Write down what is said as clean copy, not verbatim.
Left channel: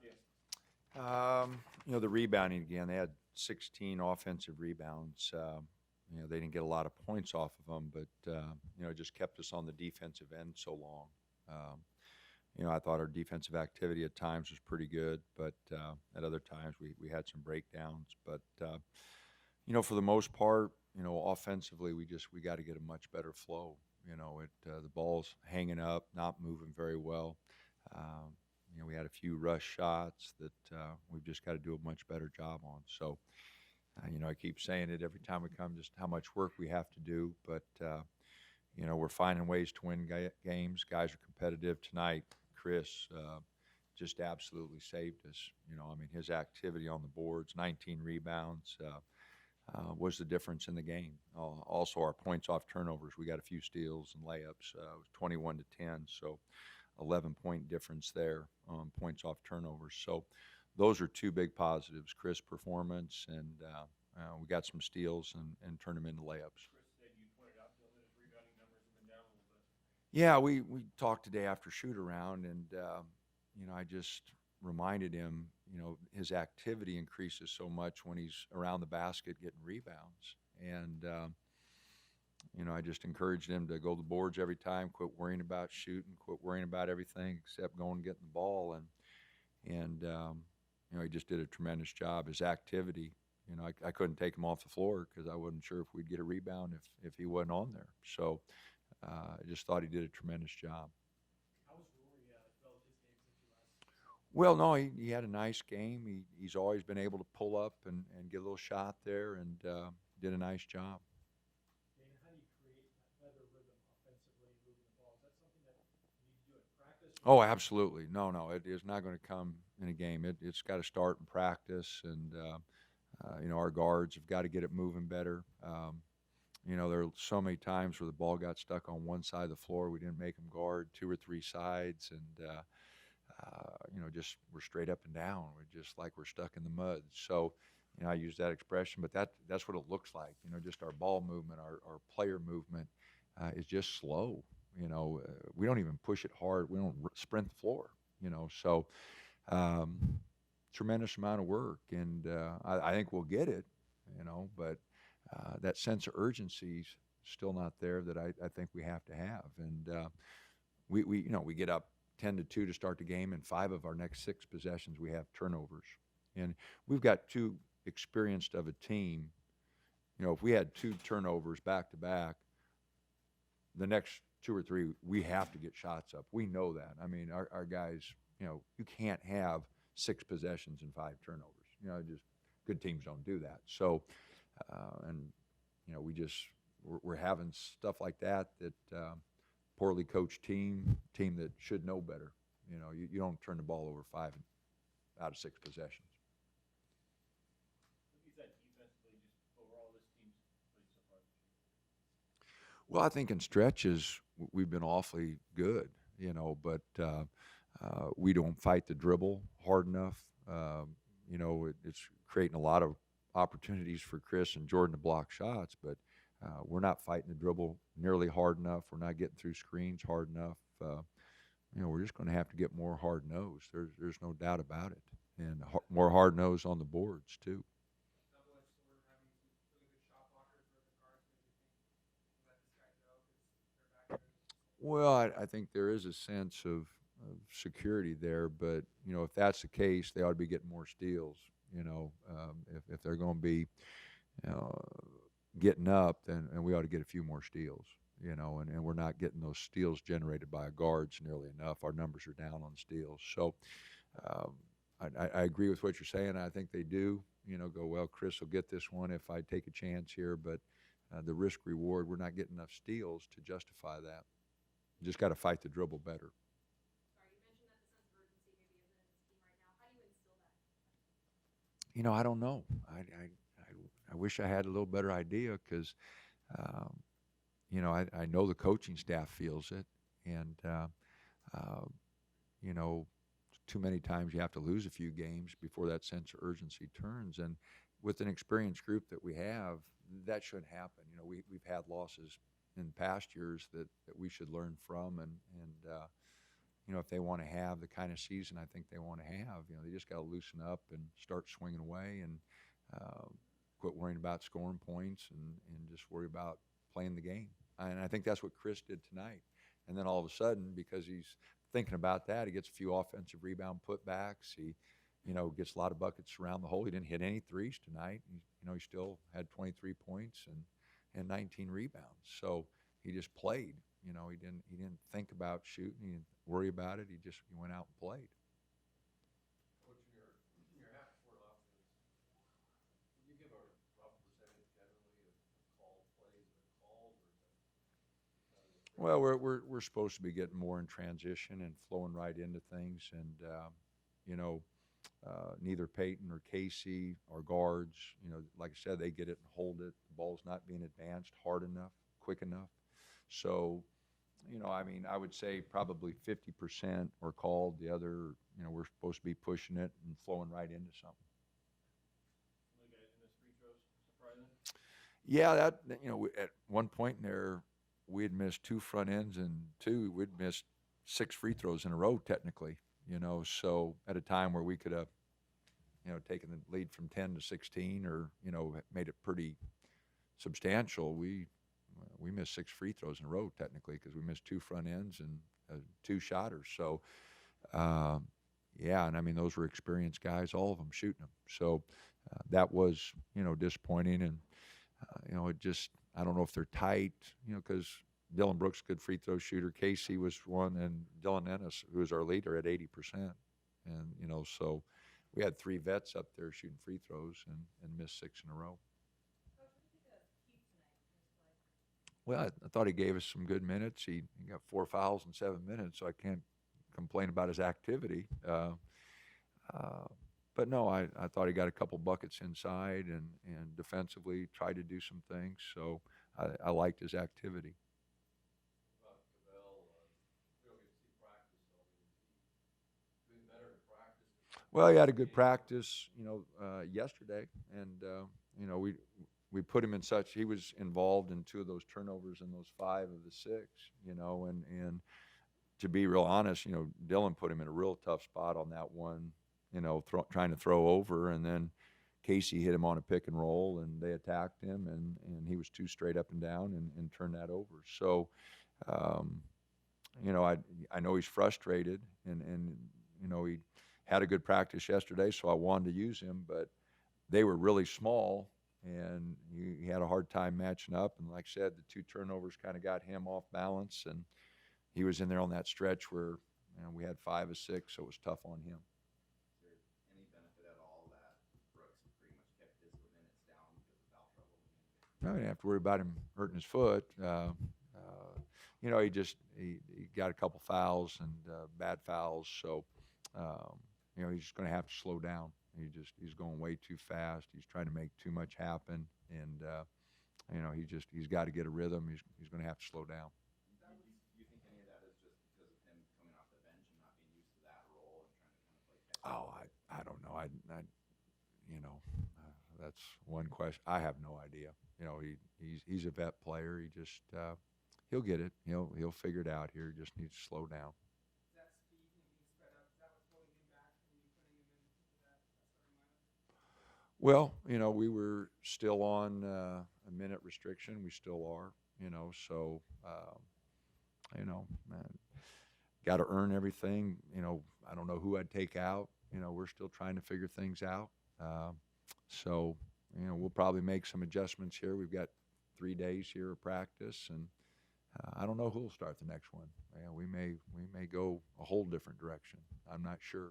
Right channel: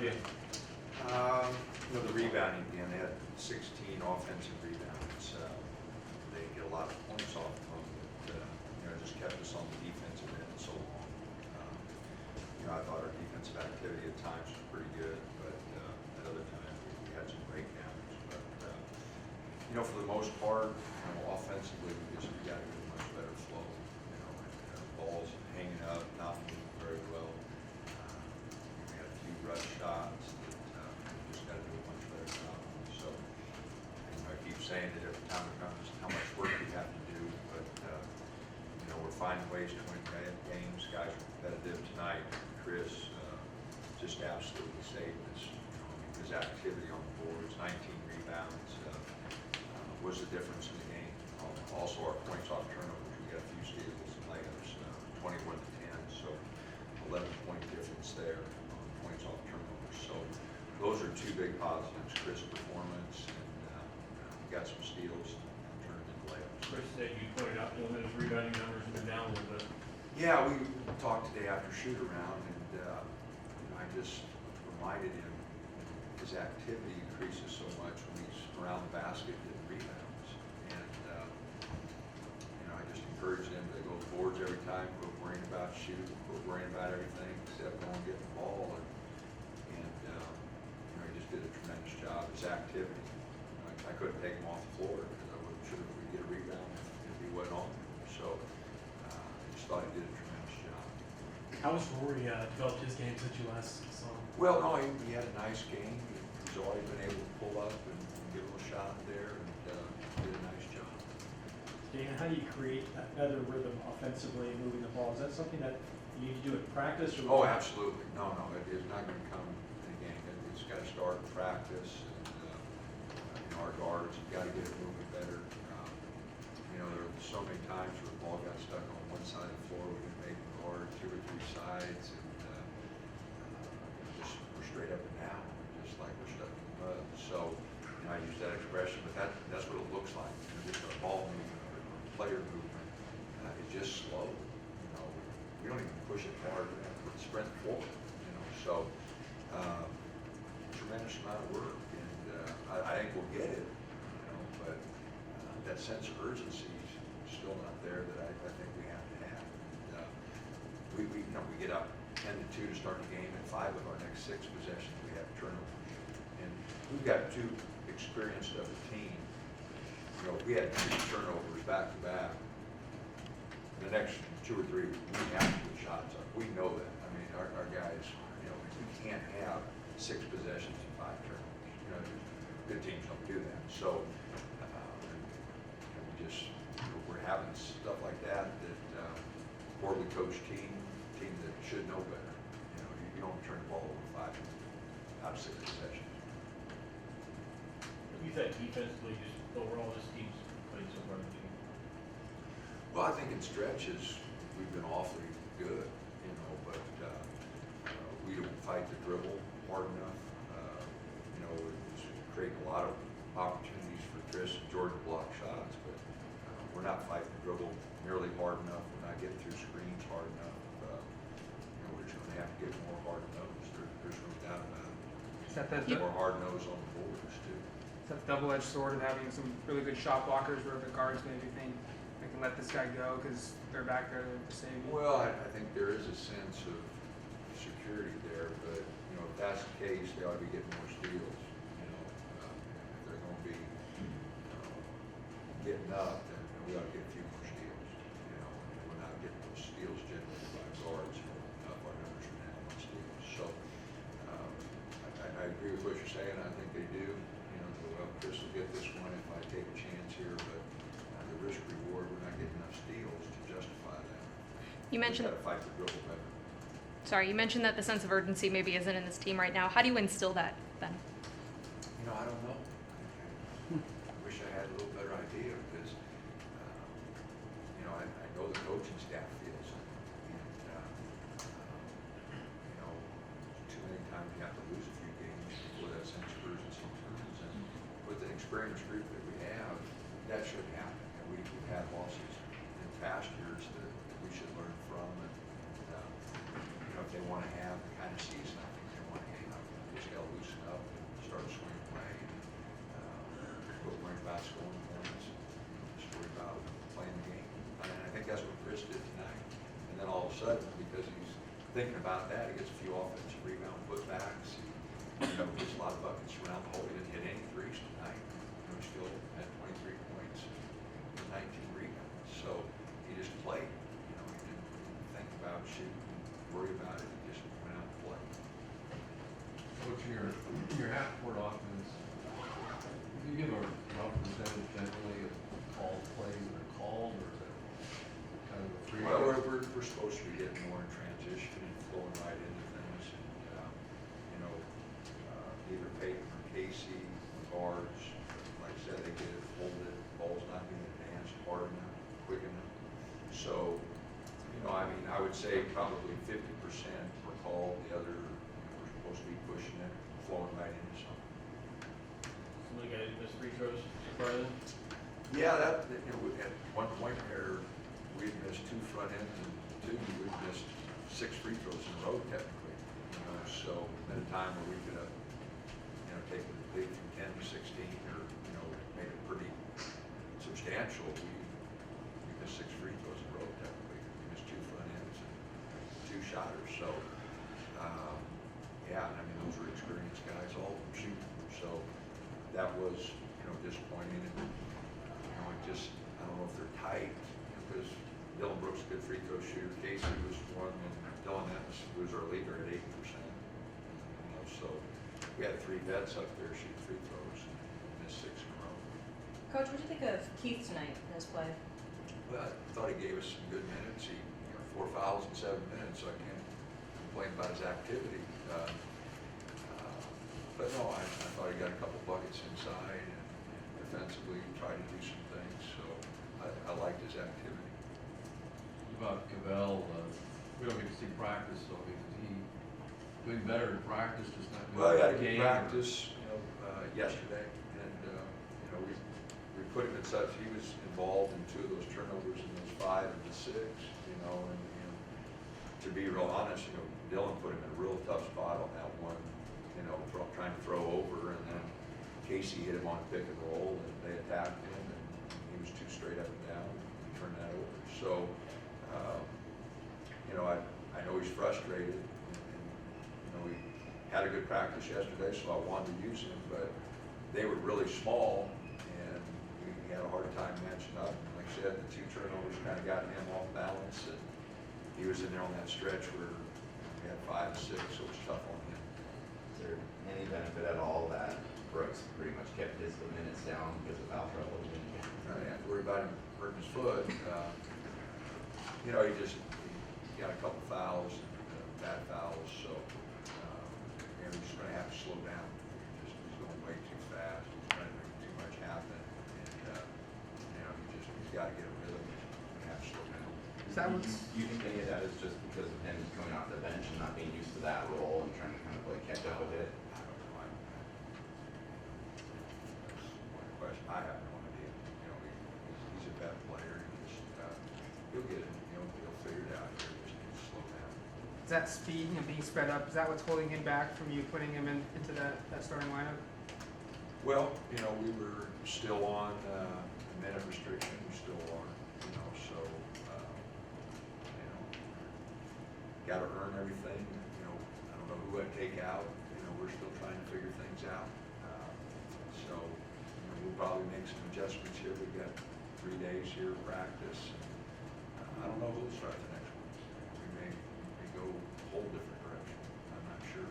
for you? The rebounding again, they had 16 offensive rebounds. They didn't get a lot of points off of them, but it just kept us on the defensive end so long. I thought our defensive activity at times was pretty good, but at other times we had some breakdowns. But for the most part, offensively we got to get a much better flow. Balls hanging up, not moving very well. We had a few rush shots that we just got to do a much better job on. So, I keep saying it every time it comes, how much work we have to do, but we're finding ways to win games. Guys were competitive tonight. Chris just absolutely saved us. His activity on the boards, 19 rebounds, was the difference in the game. Also, our points off turnovers, we got a few steals and layups, 21 to 10, so 11-point difference there on points off turnovers. So those are two big positives: Chris' performance, and we got some steals and turned them into layups. Chris said you pointed out to him that his rebounding numbers have been down a little bit. Yeah, we talked today after shoot around, and I just reminded him, his activity increases so much when he's around the basket getting rebounds, and I just encouraged him to go to the boards every time, quit worrying about shooting, quit worrying about everything except going and getting the ball, and he just did a tremendous job. His activity, I couldn't take him off the floor because I wasn't sure if we'd get a rebound if he wasn't on there. So I just thought he did a tremendous job. How has Rory developed his game since you last saw him? Well, no, he had a nice game. He's always been able to pull up and get a little shot there, and did a nice job. Dan, how do you create that better rhythm offensively moving the ball? Is that something that you need to do in practice? Or Oh, absolutely. No, it's not going to come in a game. It's got to start in practice, and our guards have got to get it moving better. There were so many times where the ball got stuck on one side of the floor. We didn't make the guard 2 or 3 sides, and just we're straight up and down, just like we're stuck in the mud. So I use that expression, but that's what it looks like. Just our ball movement, our player movement is just slow. We don't even push it hard. We don't sprint the floor. So tremendous amount of work, and I think we'll get it. But that sense of urgency is still not there that I think we have to have. And we get up 10-2 to start the game, and 5 of our next 6 possessions we have turnovers. And we've got too experienced of a team. If we had 2 turnovers back to back, the next 2 or 3 we have to get shots up. We know that. I mean, our guys, we can't have 6 possessions and 5 turnovers. Good teams don't do that. So, we're having stuff like that poorly coached team that should know better. You don't turn the ball over 5 out of 6 possessions. You think defensively, just overall, this team's played so far in the game? Well, I think in stretches we've been awfully good, but we don't fight the dribble hard enough. It's creating a lot of opportunities for Chris and Jordan to block shots, but we're not fighting the dribble nearly hard enough. We're not getting through screens hard enough. We're just going to have to get more hard nose. There's no doubt about it. And more hard nose on the boards too. It's that double-edged sword of having some really good shot blockers where the guards maybe think they can let this guy go because they're back there to save him. Well, I think there is a sense of security there, but if that's the case, they ought to be getting more steals. If they're going to be getting up, then we ought to get a few more steals. And we're not getting those steals generated by guards nearly enough. Our numbers are down on steals. So I agree with what you're saying. I think they do. Well, Chris will get this one if I take a chance here, but the risk reward, we're not getting enough steals to justify that. You We've mentioned. got to fight the dribble better. Sorry, you mentioned that the sense of urgency maybe isn't in this team right now. How do you instill that then? I don't know. I wish I had a little better idea because, I know the coaching staff feels it, and too many times you have to lose a few games before that sense of urgency turns. And with an experienced group that we have, that should happen. We've had losses in past years that we should learn from, and if they want to have the kind of season I think they want to have, we got to loosen up and start swinging away and quit worrying about scoring points and just worry about playing the game. And I think that's what Chris did tonight. And then all of a sudden, because he's thinking about that, he gets a few offensive rebound putbacks. He, gets a lot of buckets around the hole. He didn't hit any threes tonight. He still had 23 points and 19 rebounds. So he just played. He didn't think about shooting and worry about it. He just went out and played. Coach, your half-court offense, if you give a rough percentage generally of called plays that are called, or is it kind of a free? Well, we're supposed to be getting more in transition and flowing right into things, and neither Peyton or Casey or guards, like I said, they get it, hold it, ball's not being advanced hard enough, quick enough. So, I would say probably 50% were called. The other, we're supposed to be pushing it and flowing right into something. Some of the guys missed free throws, surprising. Yeah, at one point there, we'd missed 2 front ends and we'd missed 6 free throws in a row technically, so at a time where we could have, taken the lead from 10 to 16 or, made it pretty substantial, we missed 6 free throws in a row technically because we missed 2 front ends and 2 shotters. So, and those were experienced guys, all of them shooting. So that was, disappointing, and it just, I don't know if they're tight, because Dylan Brooks, a good free throw shooter. Casey was one, and Dylan Ennis, who was our leader, at 80%. And, so we had 3 vets up there shooting free throws and missed 6 in a row. Coach, what do you think of Keith tonight in his play? Well, I thought he gave us some good minutes. He got 4 fouls in 7 minutes, so I can't complain about his activity. But no, I thought he got a couple buckets inside and defensively tried to do some things. So I liked his activity. About Cavell, we don't get to see practice, so is he doing better in practice, just not? Well, he had a game, good practice, yesterday, and we put him in such. He was involved in 2 of those turnovers in those 5 of the 6, and to be real honest, Dylan put him in a real tough spot on that one, trying to throw over, and then Casey hit him on a pick and roll, and they attacked him, and he was too straight up and down and turned that over. So, I know he's frustrated, and he had a good practice yesterday, so I wanted to use him, but they were really small, and he had a hard time matching up. And like I said, the 2 turnovers kind of got him off balance, and he was in there on that stretch where we had 5 of 6, so it was tough on him. Is there any benefit at all that Brooks pretty much kept his minutes down because of foul trouble? I didn't have to worry about him hurting his foot. He got a couple fouls and bad fouls, so he's just going to have to slow down. He's going way too fast. He's trying to make too much happen, and he's got to get a rhythm. He's going to have to slow down. Is that what's, Do you think any of that is just because of him coming off the bench and not being used to that role and trying to kind of like catch up with it? I don't know. That's one question. I have no idea. He's a vet player. He'll get it. He'll figure it out here. He just needs to slow down. is that speed and being spread up, is that what's holding him back from you putting him into that starting lineup? Well, we were still on a minute restriction. We still are. So got to earn everything. I don't know who I'd take out. We're still trying to figure things out. So we'll probably make some adjustments here. We've got 3 days here of practice, and I don't know who'll start the next one. We may go a whole different direction. I'm not sure.